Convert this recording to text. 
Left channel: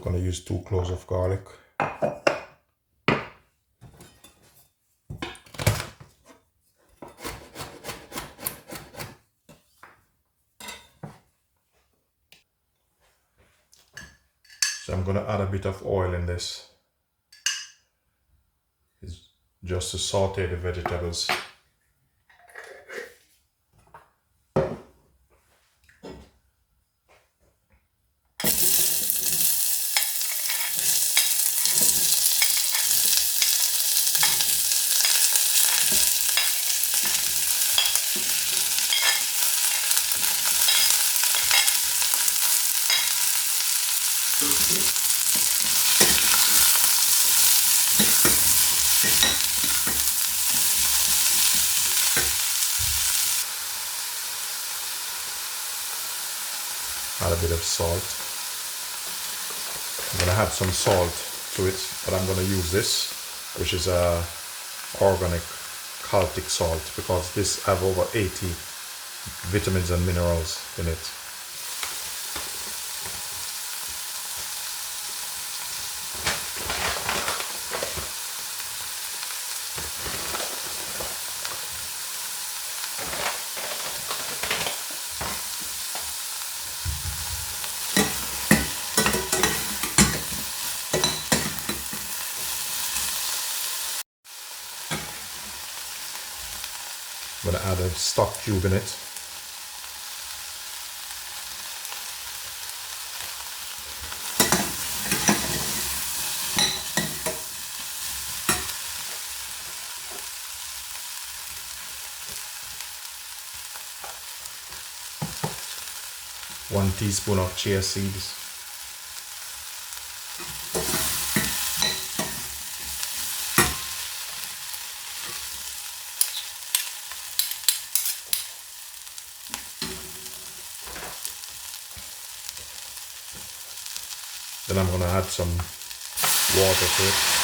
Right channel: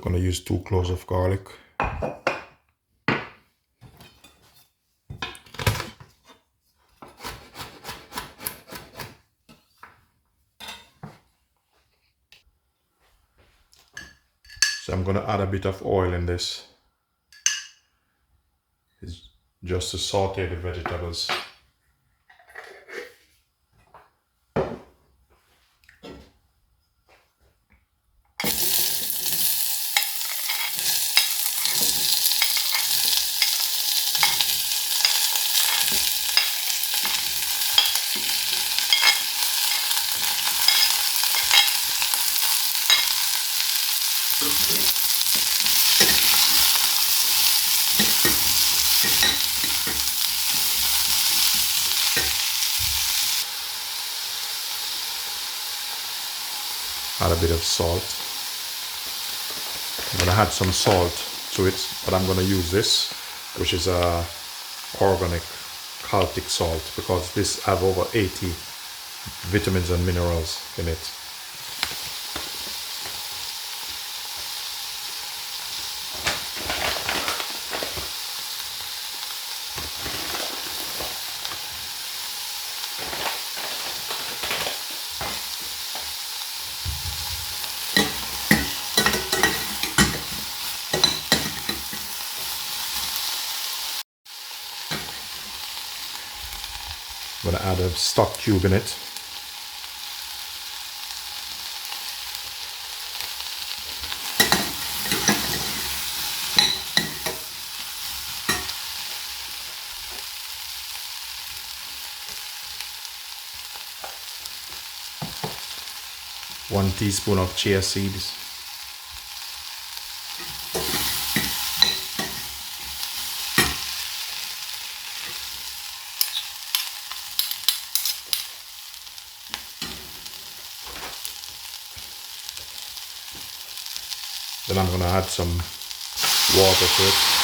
I'm gonna use 2 cloves of garlic. So I'm gonna add a bit of oil in this. It's just to saute the vegetables. Add a bit of salt. I'm gonna add some salt to it, but I'm gonna use this, which is a organic Celtic salt, because this have over 80 vitamins and minerals in it. I'm gonna add a stock cube in it. One teaspoon of chia seeds. Then I'm gonna add some water to it.